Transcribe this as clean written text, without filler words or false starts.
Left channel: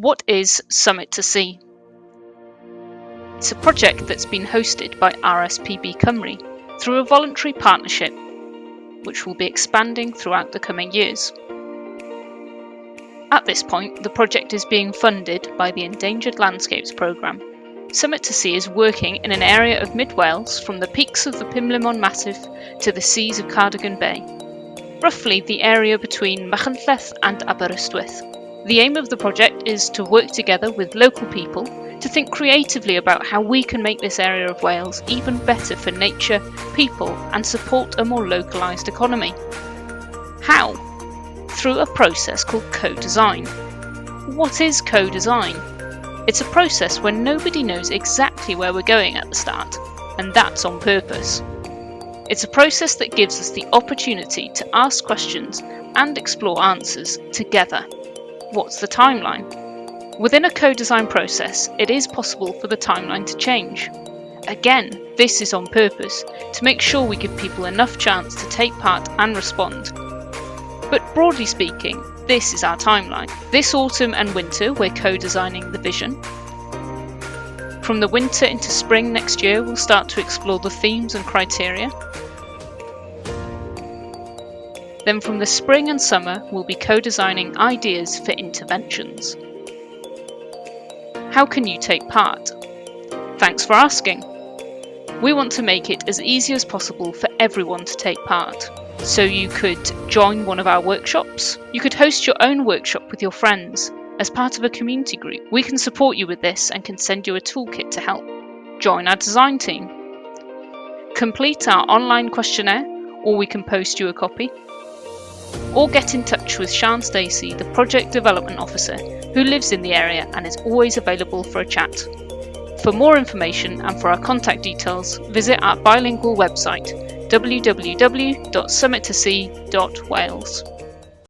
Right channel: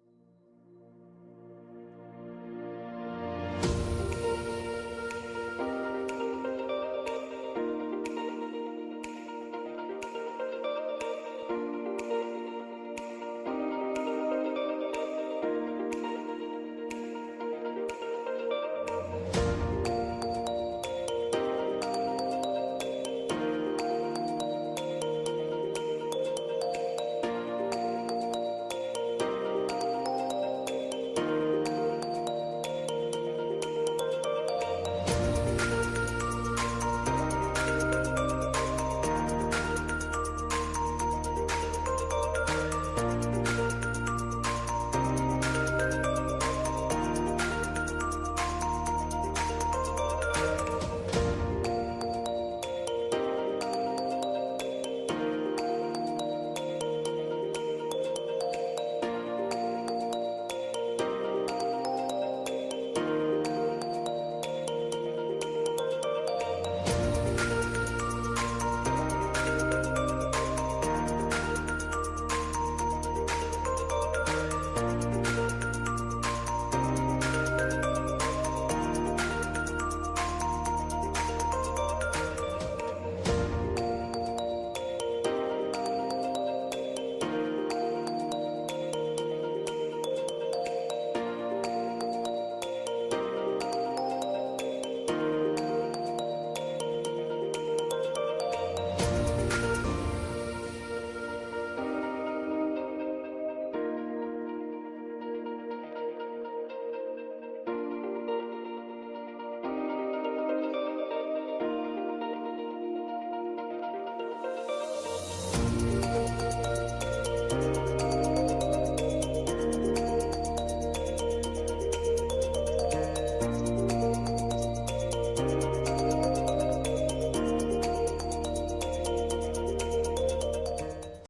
What is Summit2Sea? It's a project that's been hosted by RSPB Cymru through a voluntary partnership, which will be expanding throughout the coming years. At this point, the project is being funded by the Endangered Landscapes Programme. Summit2Sea is working in an area of mid-Wales from the peaks of the Pumlummon Massif to the seas of Cardigan Bay, roughly the area between Machynlleth and Aberystwyth. The aim of the project is to work together with local people to think creatively about how we can make this area of Wales even better for nature, people, and support a more localised economy. How? Through a process called co-design. What is co-design? It's a process where nobody knows exactly where we're going at the start, and that's on purpose. It's a process that gives us the opportunity to ask questions and explore answers together. What's the timeline? Within a co-design process, it is possible for the timeline to change. Again, this is on purpose, to make sure we give people enough chance to take part and respond. But broadly speaking, this is our timeline. This autumn and winter, we're co-designing the vision. From the winter into spring next year, we'll start to explore the themes and criteria. Then from the spring and summer, we'll be co-designing ideas for interventions. How can you take part? Thanks for asking. We want to make it as easy as possible for everyone to take part. So you could join one of our workshops. You could host your own workshop with your friends as part of a community group. We can support you with this and can send you a toolkit to help. Join our design team. Complete our online questionnaire, or we can post you a copy. Or get in touch with Llais Cymru, the Project Development Officer, who lives in the area and is always available for a chat. For more information and for our contact details, visit our bilingual website www.summit2sea.wales.